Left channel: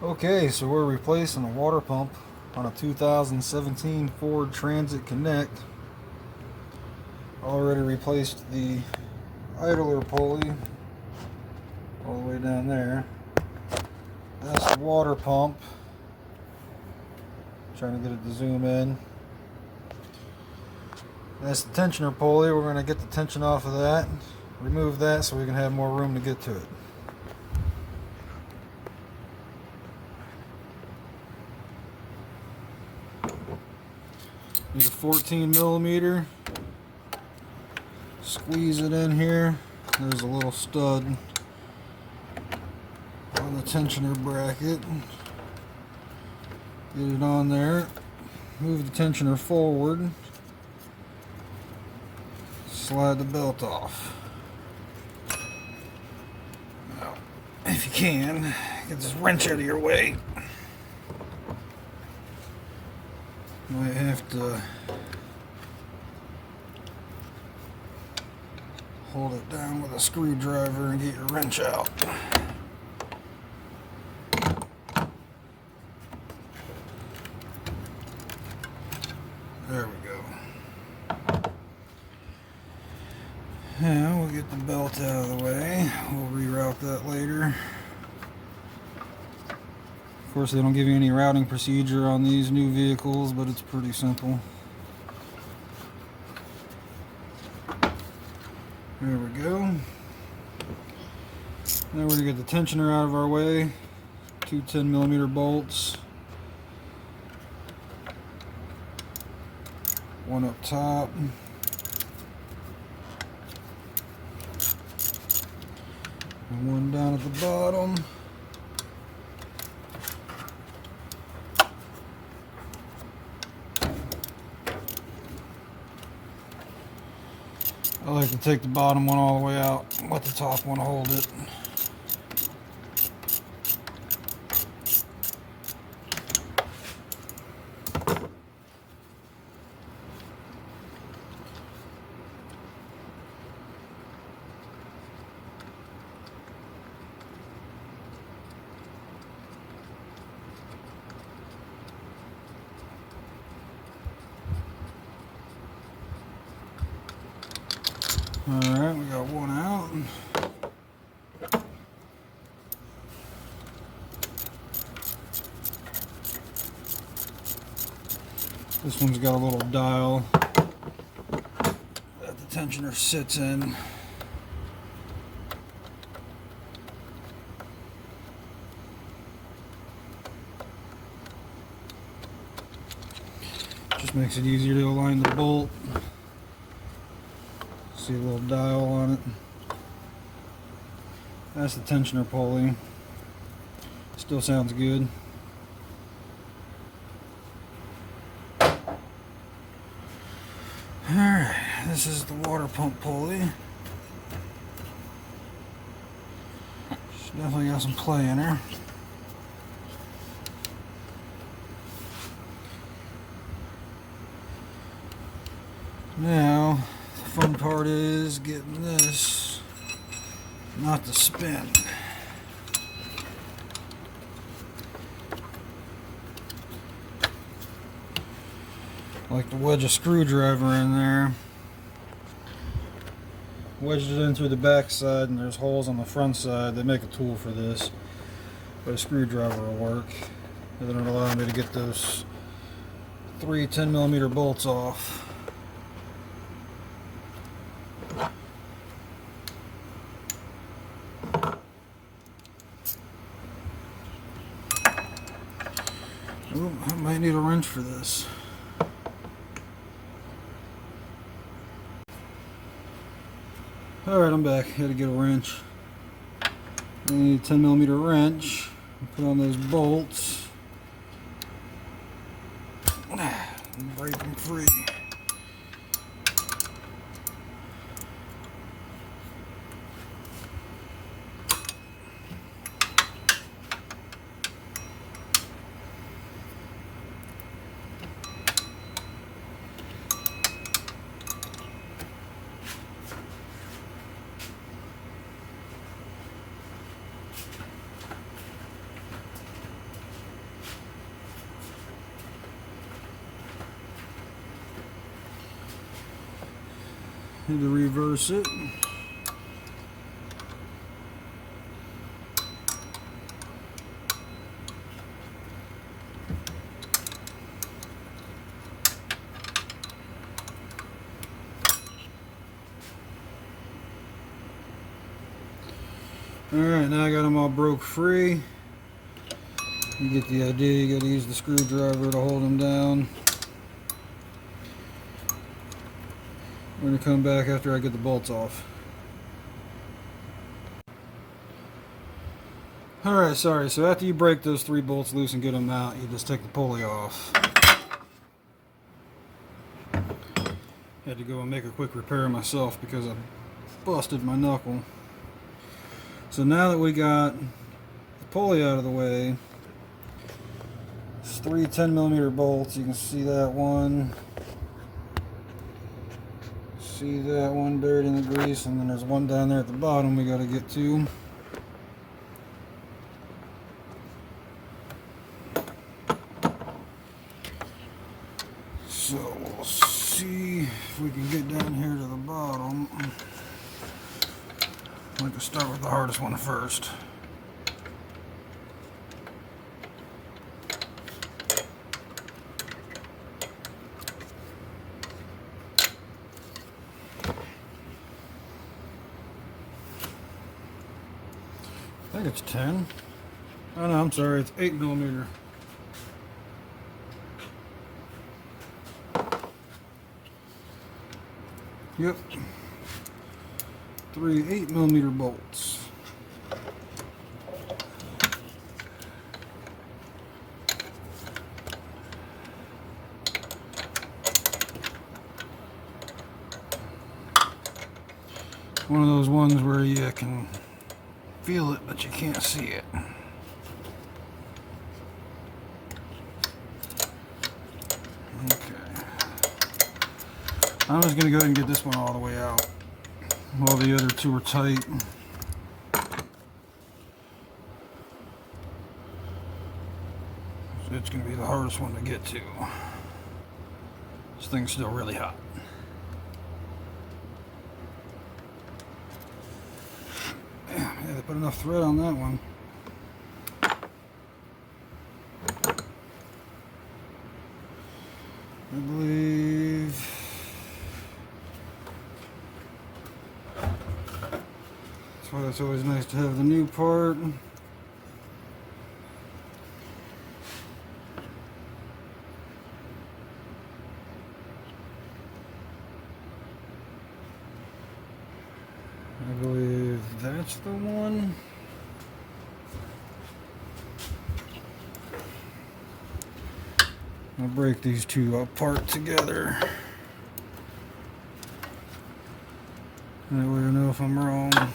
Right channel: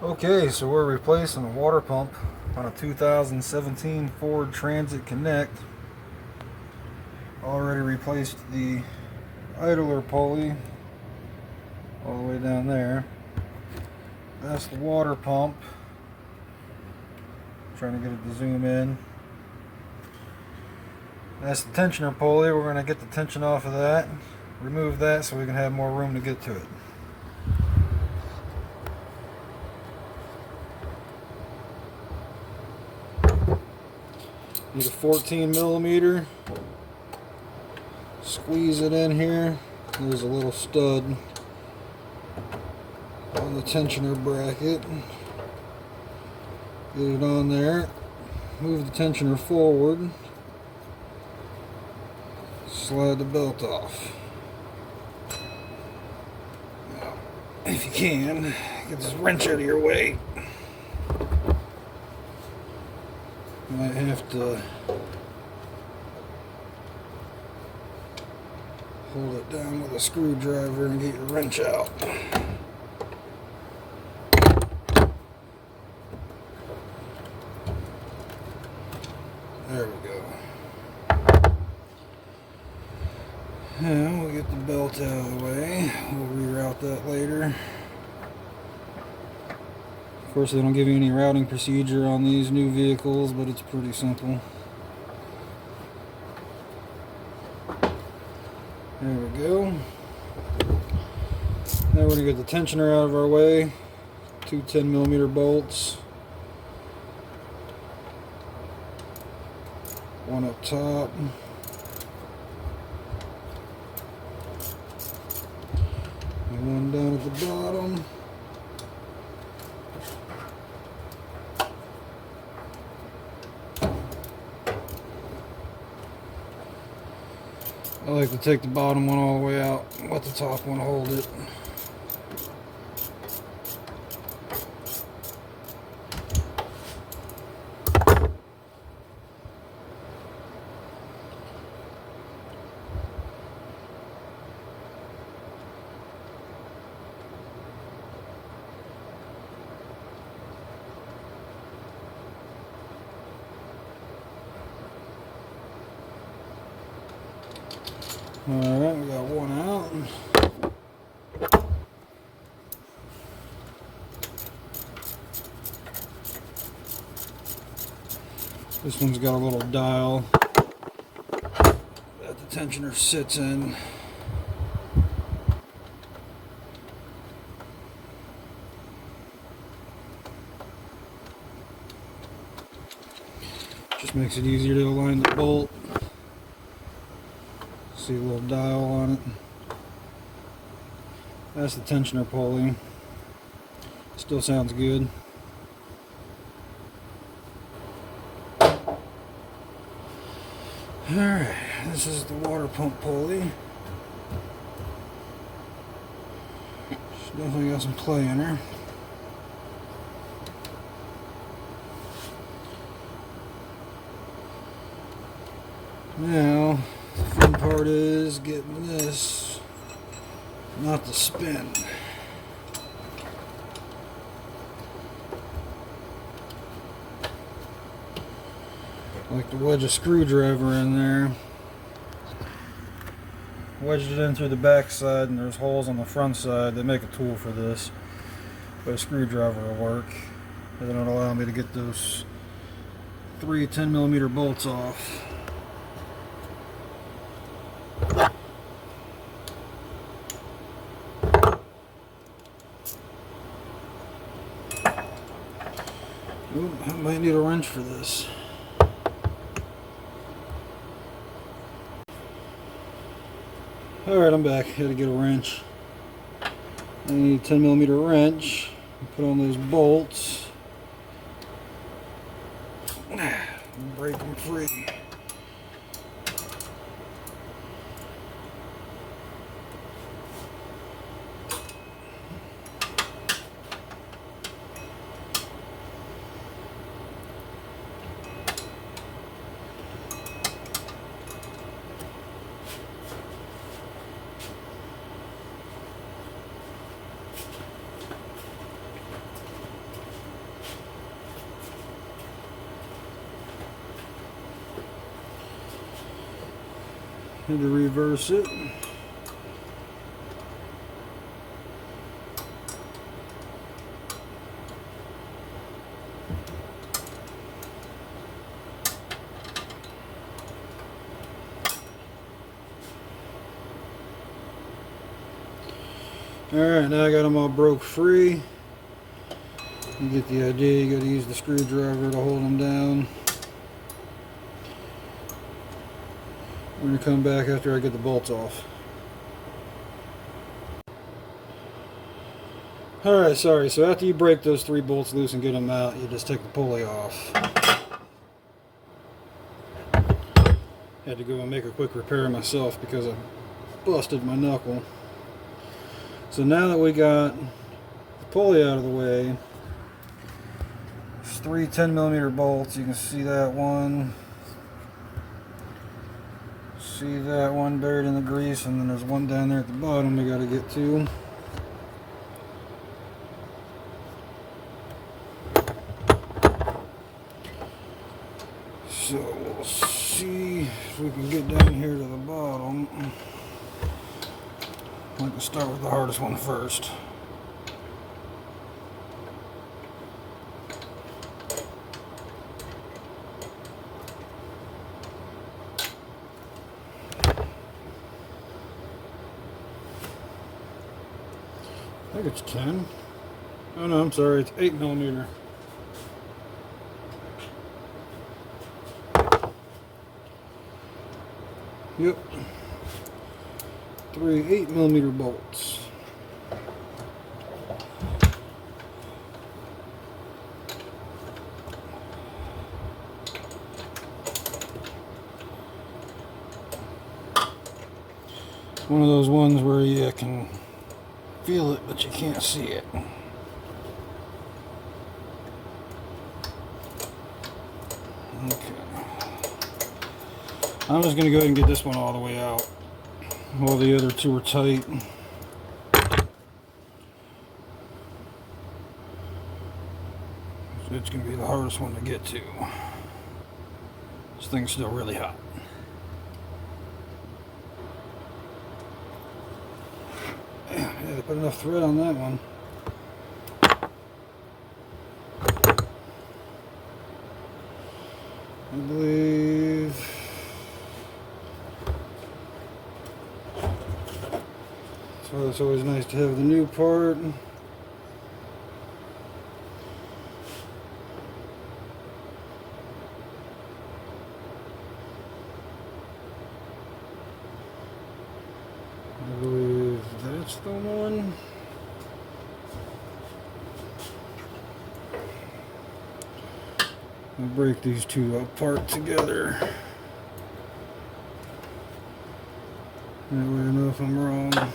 Okay, so we're replacing a water pump on a 2017 Ford Transit Connect. Already replaced the idler pulley all the way down there. That's the water pump. Trying to get it to zoom in. That's the tensioner pulley. We're going to get the tension off of that, remove that so we can have more room to get to it. Need a 14 millimeter. Squeeze it in here. There's a little stud on the tensioner bracket. Get it on there. Move the tensioner forward. Slide the belt off. Now, if you can, get this wrench out of your way. Might have to hold it down with a screwdriver and get your wrench out. There we go. Yeah, we'll get the belt out of the way. We'll reroute that later. Of course, they don't give you any routing procedure on these new vehicles, but it's pretty simple. There we go. Now we're going to get the tensioner out of our way. Two 10 millimeter bolts. One up top. And one down at the bottom. I like to take the bottom one all the way out, let the top one hold it. Alright, we got one out. This one's got a little dial that the tensioner sits in. Just makes it easier to align the bolt. See a little dial on it. That's the tensioner pulley. Still sounds good. Alright, this is the water pump pulley. She's definitely got some play in her. Now, the fun part is getting this not to spin. Like to wedge a screwdriver in there. Wedged it in through the back side, and there's holes on the front side. They make a tool for this, but a screwdriver will work. And then it'll allow me to get those three 10 millimeter bolts off. Ooh, I might need a wrench for this. Alright, I'm back. Had to get a wrench. I need a 10 millimeter wrench. Put on those bolts. Break them free. Need to reverse it. Alright, now I got them all broke free. You get the idea, you got to use the screwdriver to hold them down. I'm going to come back after I get the bolts off. Alright, sorry, so after you break those 3 bolts loose and get them out, you just take the pulley off. Had to go and make a quick repair myself because I busted my knuckle. So now that we got the pulley out of the way, there's 3 10mm bolts. You can see that one. See that one buried in the grease, and then there's one down there at the bottom we got to get to. So we'll see if we can get down here to the bottom. I can start with the hardest one first. I think it's 10. Oh no, I'm sorry, it's 8mm. Yep. 3 8mm bolts. One of those ones where you can feel it, but you can't see it. Okay. I'm just going to go ahead and get this one all the way out while the other 2 are tight. It's going to be the hardest one to get to. This thing's still really hot. Yeah, they put enough thread on that one. I believe that's why it's always nice to have the new part. I believe that's the one. I'll break these 2 apart together. That way I know if I'm wrong.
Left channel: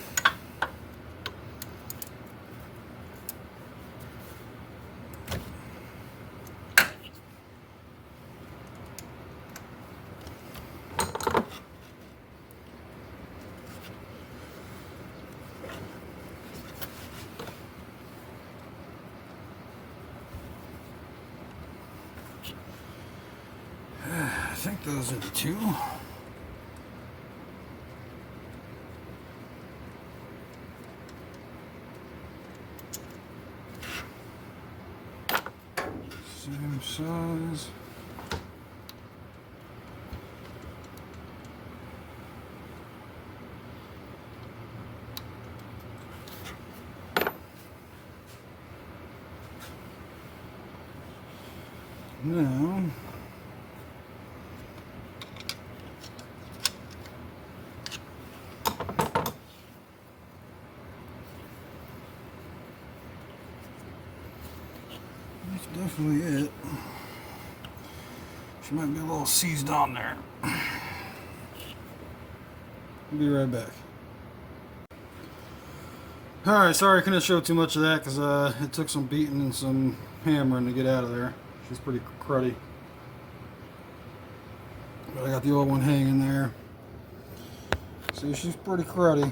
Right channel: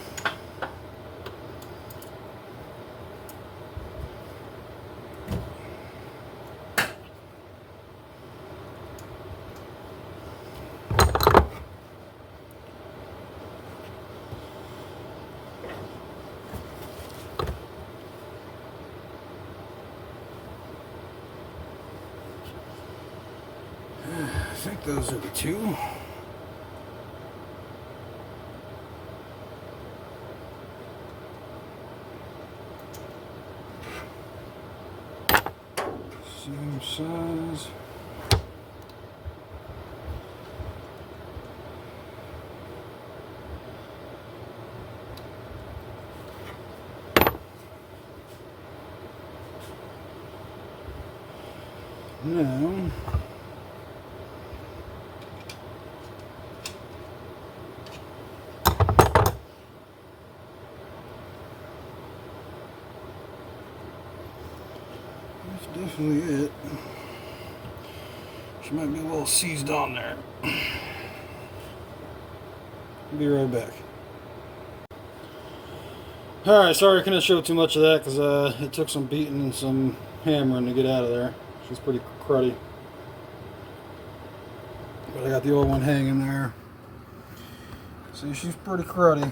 I think those are the 2. Same size. Now that's definitely it. She might be a little seized on there. I'll be right back. Alright, sorry I couldn't show too much of that because it took some beating and some hammering to get out of there. She's pretty cruddy. But I got the old one hanging there. See, she's pretty cruddy.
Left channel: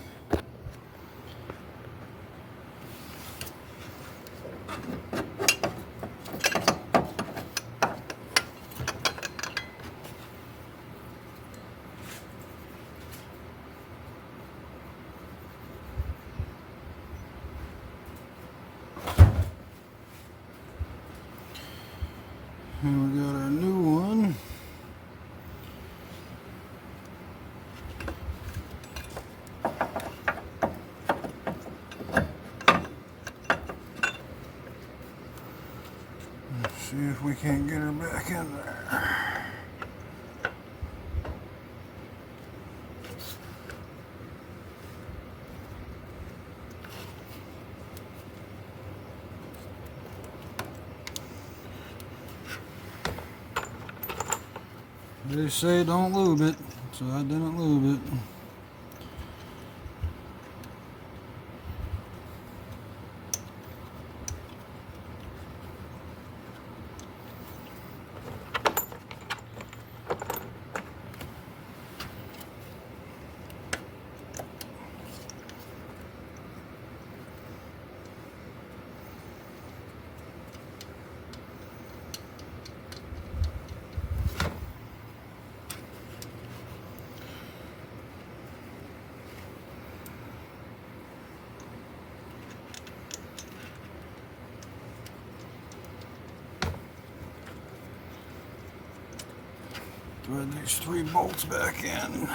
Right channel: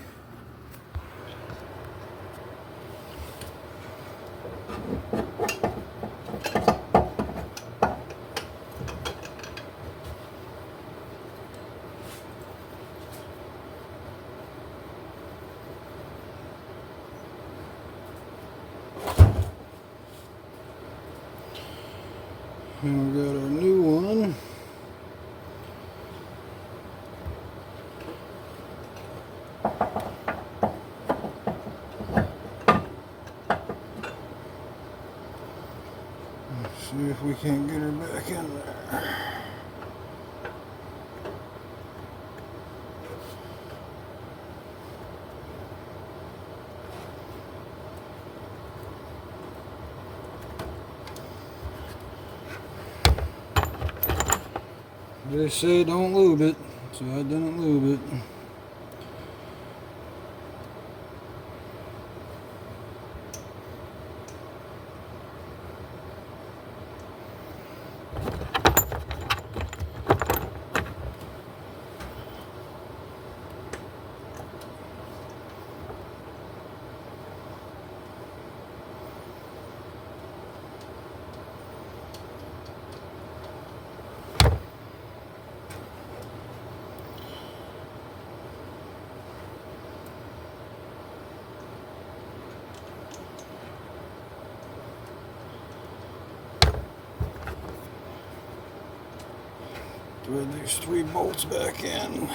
And we got our new one. Let's see if we can't get her back in there. They say don't lube it, so I didn't lube it. Thread these 3 bolts back in.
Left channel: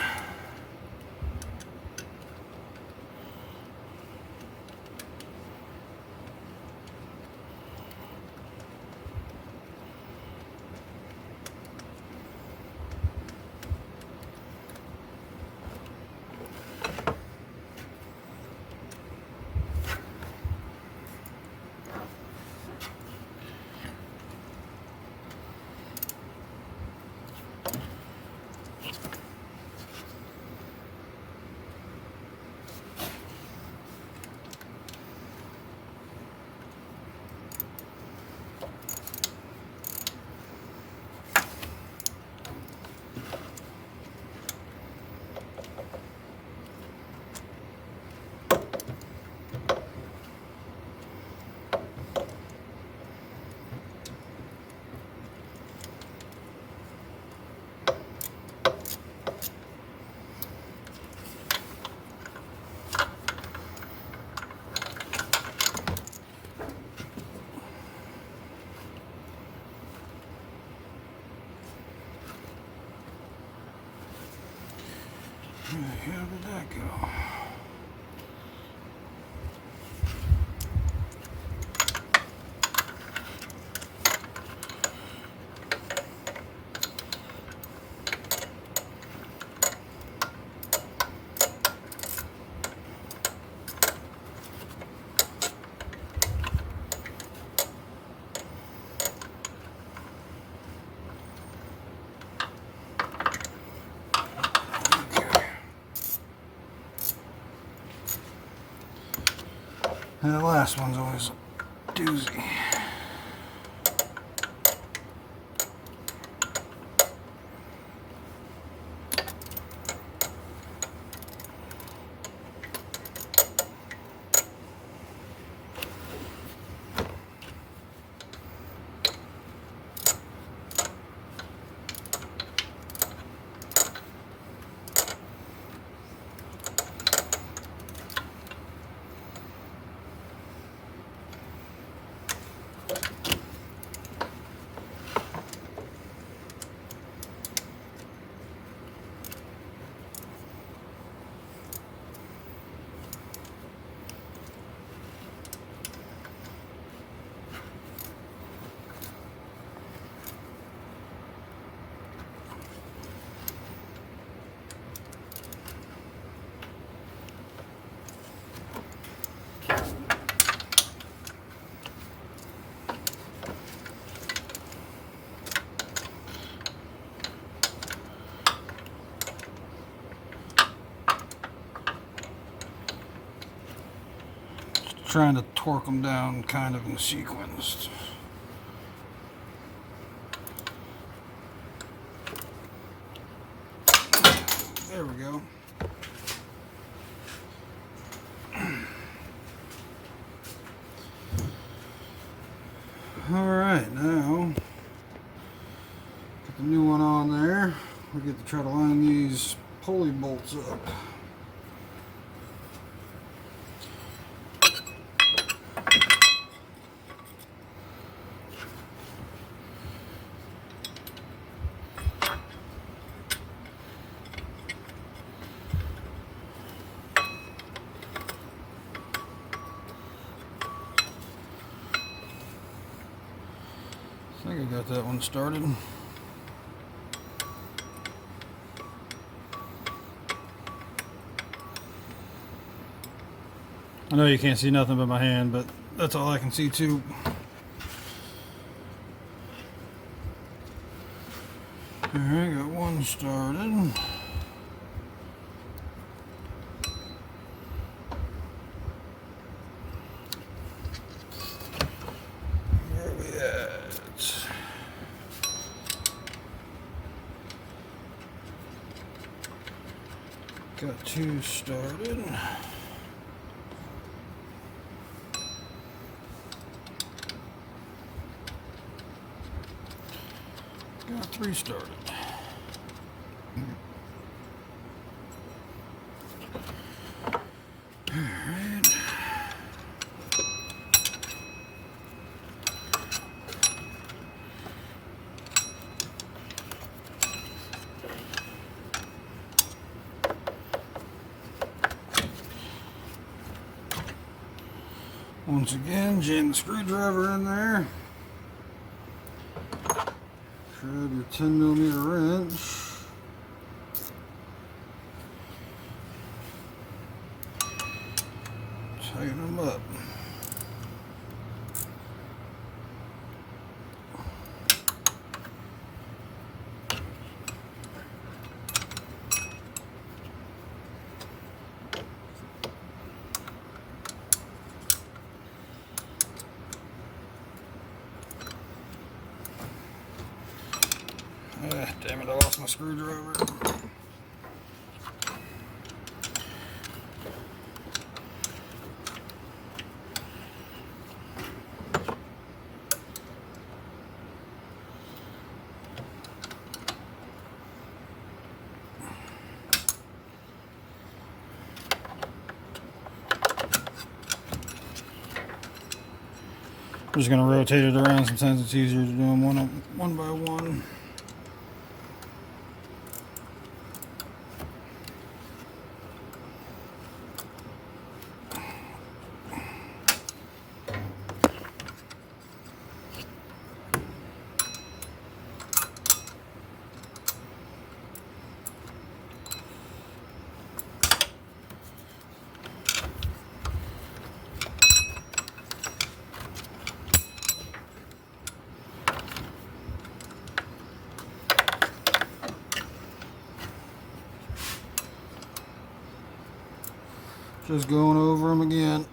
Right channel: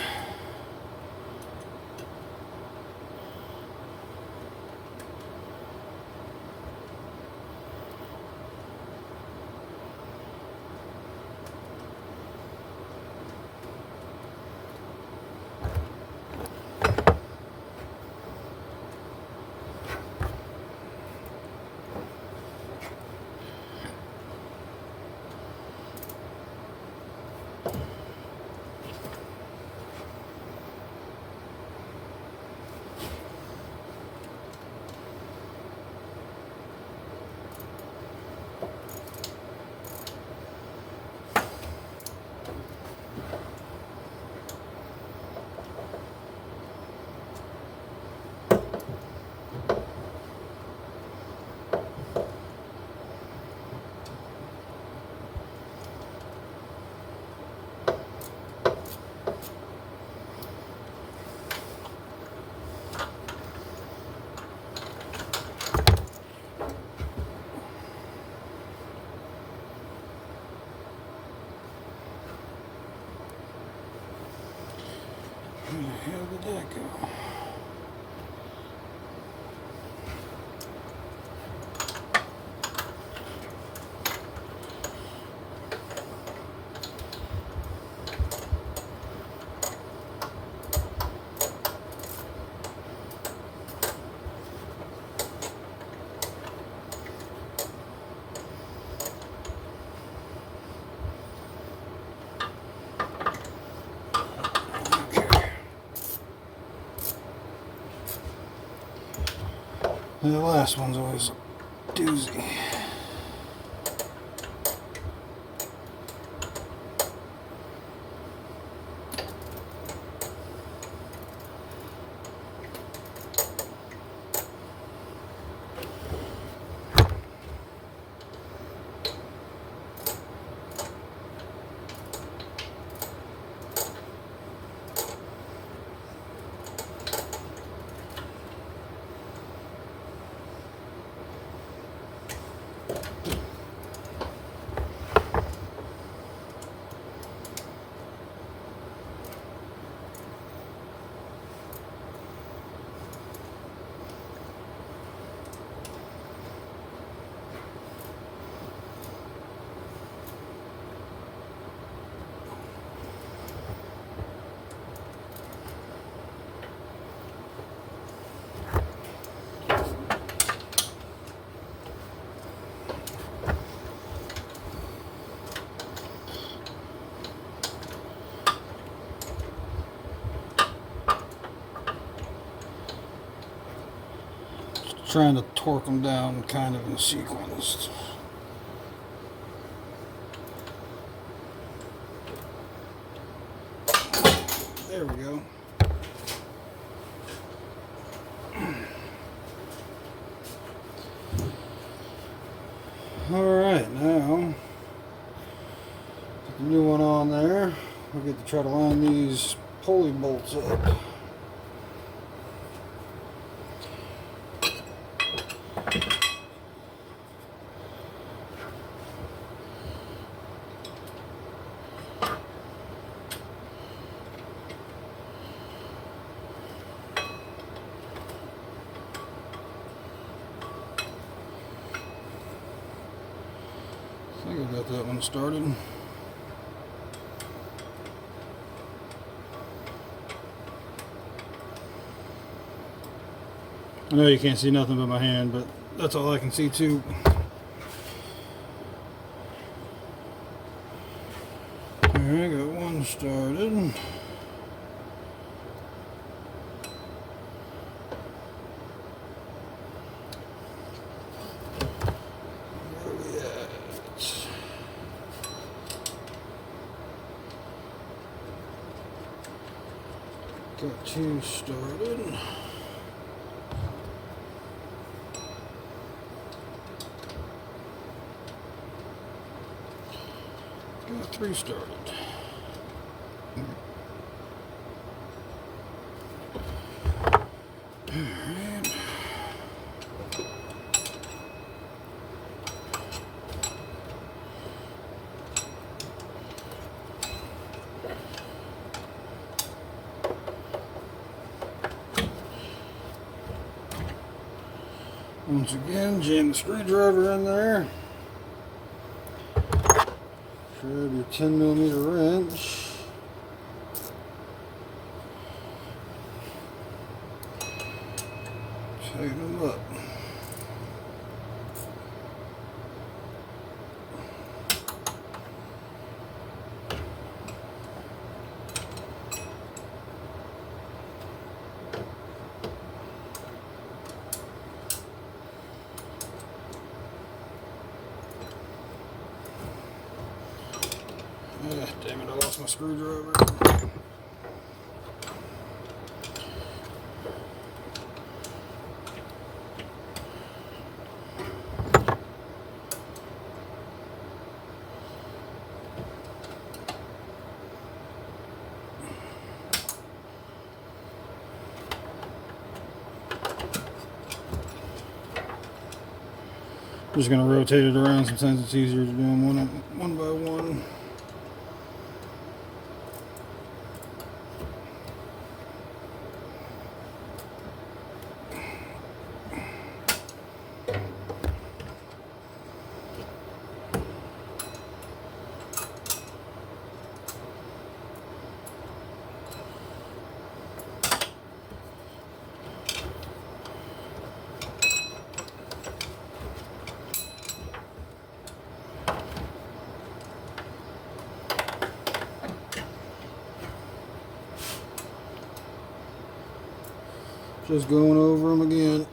Where the hell did that go? And the last one's always a doozy. Trying to torque them down kind of in sequence. There we go. Alright, now put the new one on there. We get to try to line these pulley bolts up. think I got that one started. I know you can't see nothing but my hand, but that's all I can see too. Alright, got one started. Where are we at? Got two started. Got three started. Alright. Once again, jam the screwdriver in there. Grab your 10mm wrench. Tighten them up. Damn it, I lost my screwdriver. I'm just going to rotate it around. Sometimes it's easier to do them one by one. Just going over them again.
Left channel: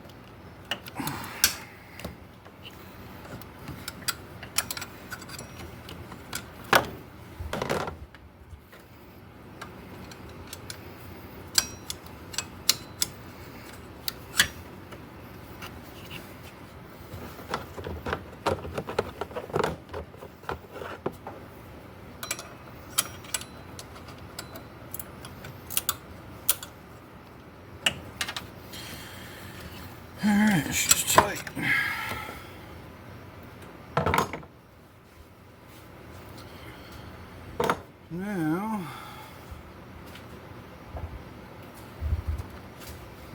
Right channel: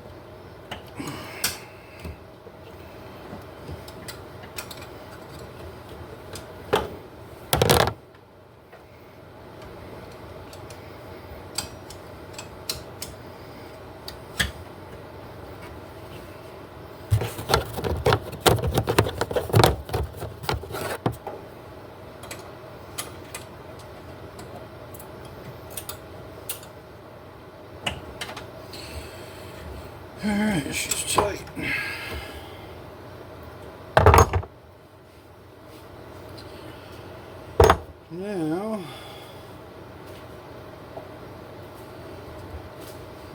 Alright, it's just tight. Now,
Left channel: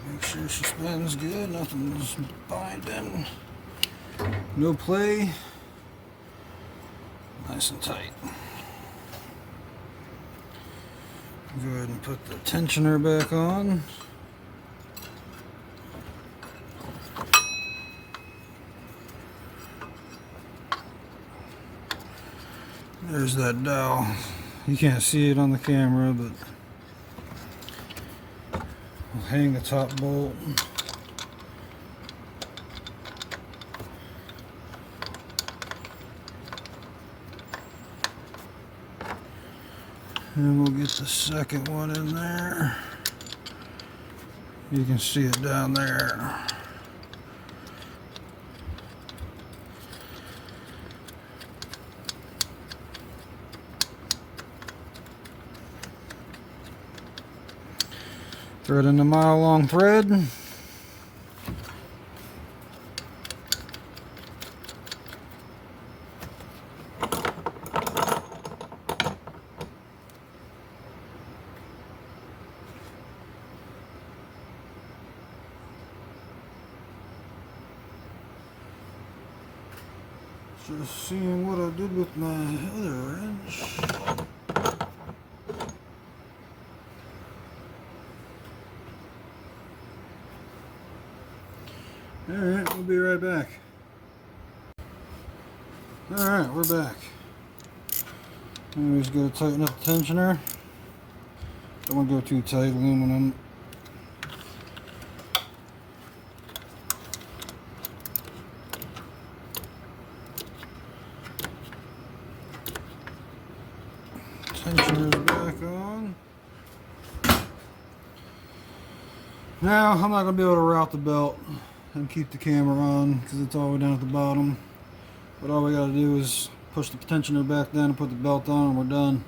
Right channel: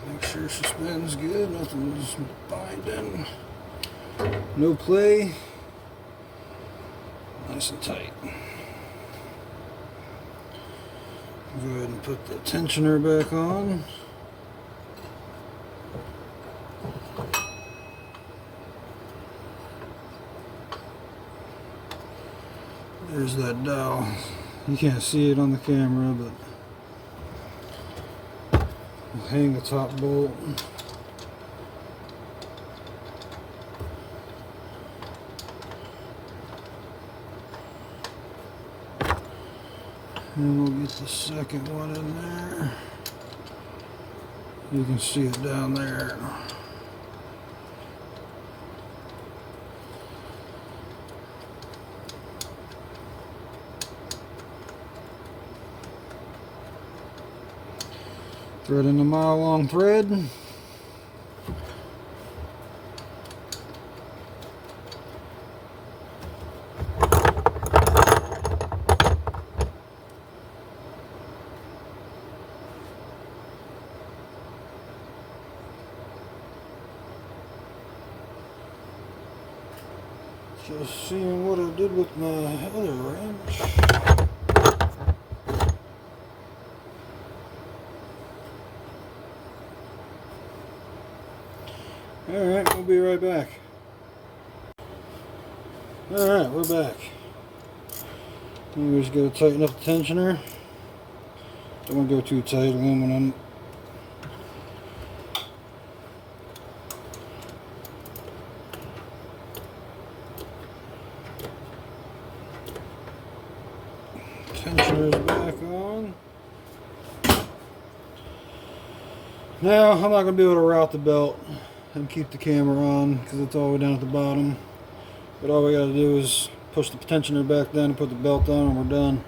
make sure she spins good, nothing's binding, no play, nice and tight. Go ahead and put the tensioner back on. There's that dowel. You can't see it on the camera, but we'll hang the top bolt. And we'll get the second one in there. You can see it down there. Thread in a mile-long thread. Just seeing what I did with my other wrench. Alright, we'll be right back. Alright, we're back. We just gotta tighten up the tensioner. Don't want to go too tight, aluminum. Tensioner's back on. Now, I'm not going to be able to route the belt and keep the camera on because it's all the way down at the bottom. But all we got to do is push the tensioner back down and put the belt on and we're done.